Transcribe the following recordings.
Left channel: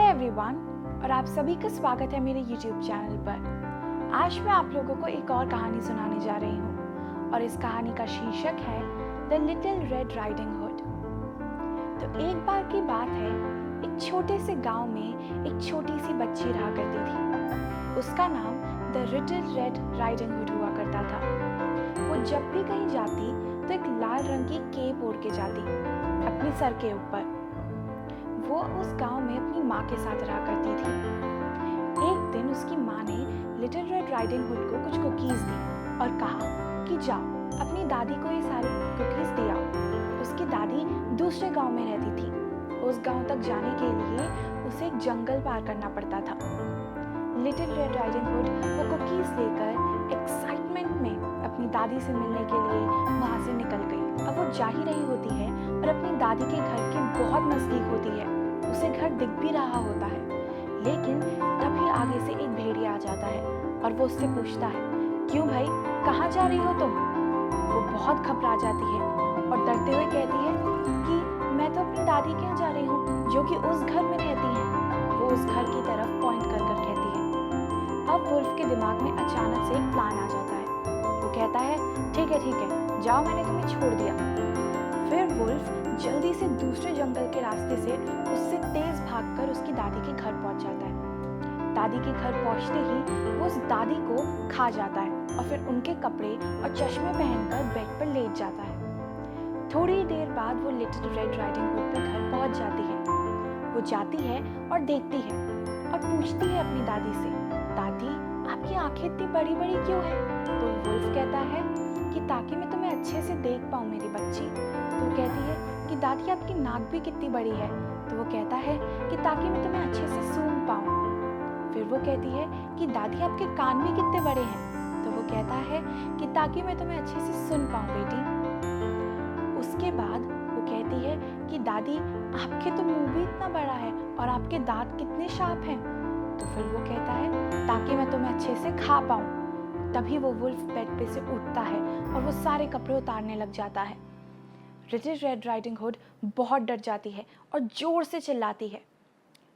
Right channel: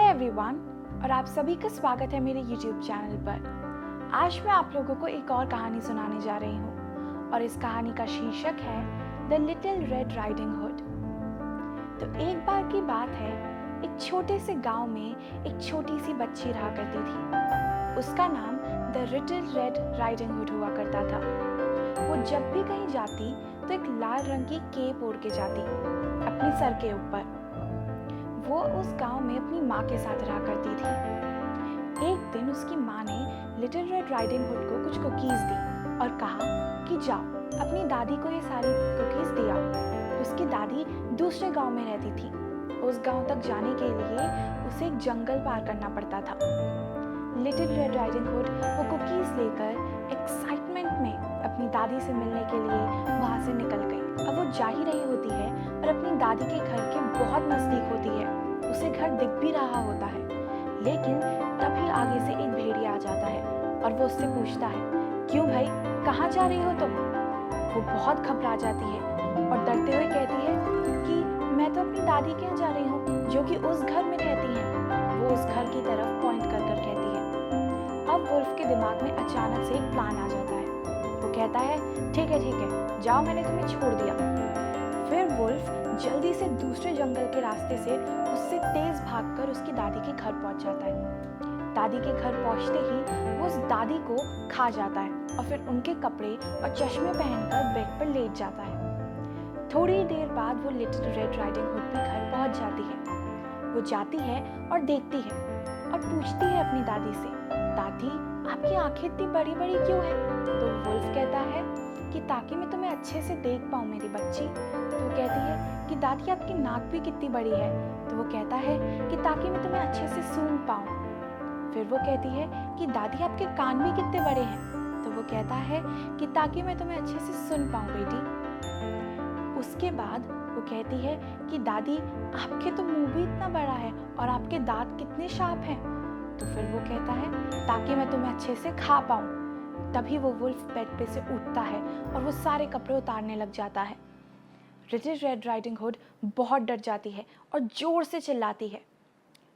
Hello everyone, और आप सभी का स्वागत है मेरे YouTube चैनल पर। आज मैं आप लोगों को एक और कहानी सुनाने जा रही हूँ और इस कहानी का शीर्षक है the little red riding hood. तो एक बार की बात है, एक छोटे से गांव में एक छोटी सी बच्ची रहा करती थी। उसका नाम the little red riding hood हुआ करता था। वो जब भी कहीं जाती तो एक लाल रंग की केप ओढ़ के जाती अपने सर के ऊपर। वो उस गांव में अपनी माँ के साथ रहा करती थी। एक दिन उसकी माँ ने लिटिल रेड राइडिंग हुड को कुछ कुकीज़ दी और कहा कि जाओ अपनी दादी को ये सारी कुकीज़ दे आओ। उसकी दादी दूसरे गांव में रहती थी। उस गांव तक जाने के लिए उसे एक जंगल पार करना पड़ता था। लिटिल रेड राइडिंग हुड वो कुकीज़ लेकर एक्साइटमेंट में अपनी दादी से मिलने के लिए वहाँ से निकल गई। अब वो जा ही रही होती है और अपनी दादी के घर के बहुत नज़दीक होती है। उसे घर दिख भी रहा होता है, लेकिन तभी आगे से एक भेड़िया आ जाता है और वो उससे पूछता है, क्यों भाई, कहाँ जा रही हो तुम? वो बहुत घबरा जाती है और डरते हुए कहती है कि मैं तो अपनी दादी के यहाँ जा रही हूँ, जो कि उस घर में रहती हैं। वो उस घर की तरफ पॉइंट कर कर कहती है। अब वुल्फ के दिमाग में अचानक से एक प्लान आ जाता है। वो कहता है, ठीक है, जाओ, मैंने तुम्हें छोड़ दिया। फिर वुल्फ जल्दी से दूसरे जंगल के रास्ते से उससे तेज भागकर उसकी दादी के घर पहुंच जाता है। दादी के घर पहुंचते ही वो उस दादी को खा जाता है और फिर उनके कपड़े और चश्मे पहनकर बेड पर लेट जाता है। थोड़ी देर बाद वो लिटिल रेड राइडिंग हुड भी घर पहुंच जाती है। वो जाती है और देखती है और पूछती है अपनी दादी से, दादी, आपकी आंखें इतनी बड़ी बड़ी क्यों है? तो वुल्फ कहता है कि ताकि मैं तुम्हें अच्छे से देख पाऊँ मेरी बच्ची। तो वो कहती है कि दादी, आपकी नाक भी कितनी बड़ी है? तो वो कहता है कि ताकि मैं तुम्हें अच्छे से सूंघ पाऊँ। फिर वो कहती है कि दादी, आपके कान भी कितने बड़े हैं? तो वो कहता है कि ताकि मैं तुम्हें अच्छे से सुन पाऊँ बेटी। उसके बाद वो कहती है कि दादी, आपके तो मुंह भी इतना बड़ा है और आपके दांत कितने शार्प हैं। तो फिर वो कहता है, ताकि मैं तुम्हें अच्छे से खा पाऊँ। तभी वो वुल्फ बेड पे से उठता है और वो सारे कपड़े उतारने लग जाता है। लिटिल रेड राइडिंग हुड बहुत डर जाती है और जोर से चिल्लाती है।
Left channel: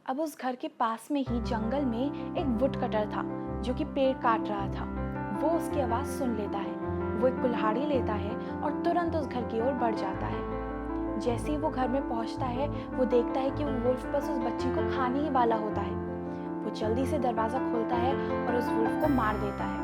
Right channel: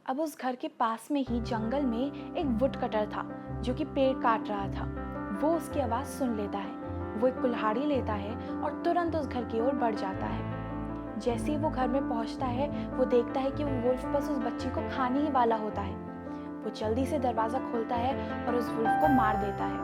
अब उस घर के पास में ही जंगल में एक वुड कटर था जो कि पेड़ काट रहा था। वो उसकी आवाज़ सुन लेता है। वो एक कुल्हाड़ी लेता है और तुरंत उस घर की ओर बढ़ जाता है। जैसे ही वो घर में पहुंचता है, वो देखता है कि वो वुल्फ बस उस बच्ची को खाने ही वाला होता है। वो जल्दी से दरवाज़ा खोलता है और उस वुल्फ को मार देता है।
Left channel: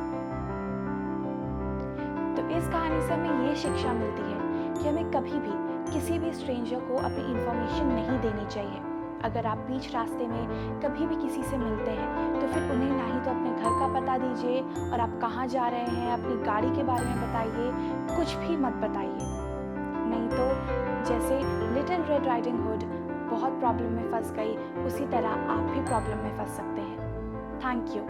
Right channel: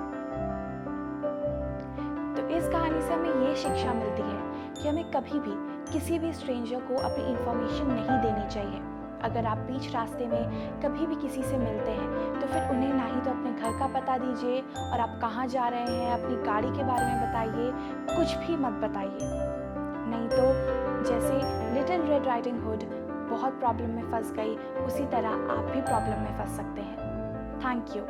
तो इस कहानी से हमें ये शिक्षा मिलती है कि हमें कभी भी किसी भी स्ट्रेंजर को अपनी इन्फॉर्मेशन नहीं देनी चाहिए। अगर आप बीच रास्ते में कभी भी किसी से मिलते हैं तो फिर उन्हें ना ही तो अपने घर का पता दीजिए और आप कहाँ जा रहे हैं, अपनी गाड़ी के बारे में बताइए, कुछ भी मत बताइए। नहीं तो जैसे लिटिल रेड राइडिंग हुड बहुत प्रॉब्लम में फंस गई, उसी तरह आप भी प्रॉब्लम में फंस सकते हैं। Thank you.